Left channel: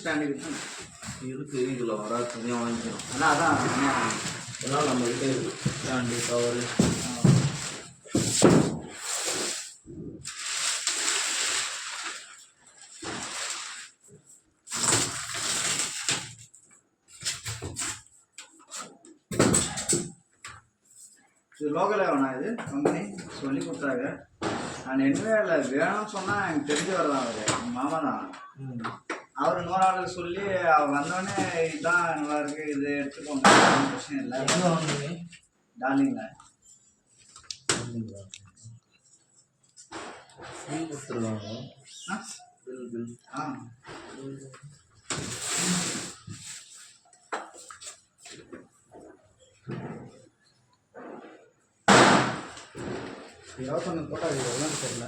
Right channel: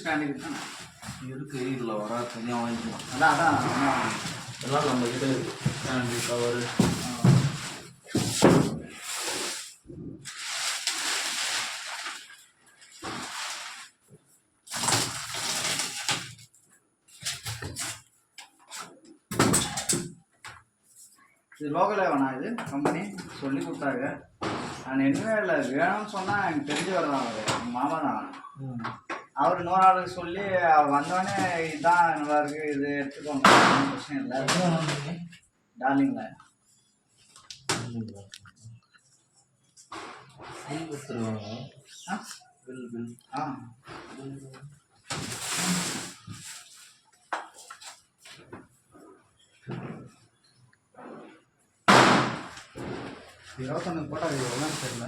Stand இருக்கு இதில் வர துணியாக வாங்கிக்கலாம். அதான் எல்லாம் நம்ம கிட்ட இருக்குது. ஸ்டாண்டு கவரு இது லோக்கலாக வேணா இது கம்பெனி சொல்லி கொடுத்தாங்க. நான் என்னவே இல்லை வேணும்னு சொன்னால் எனக்கு தெரிஞ்சவர் தான் அவர் எங்கள் மாமா தான். அவர் இன்னொரு ஆளுக்கு சொல்லி அவர் வந்தோடனே இதுதான் நல்லா இருக்குது இது எடுத்துக்கோங்க பிரச்சனை இல்லை. டார்லிங்கில் பில் கொடுத்துருவாங்க. பில் இருபத்தொன்று போட்டால் அது எவ்வளோ தெரியல.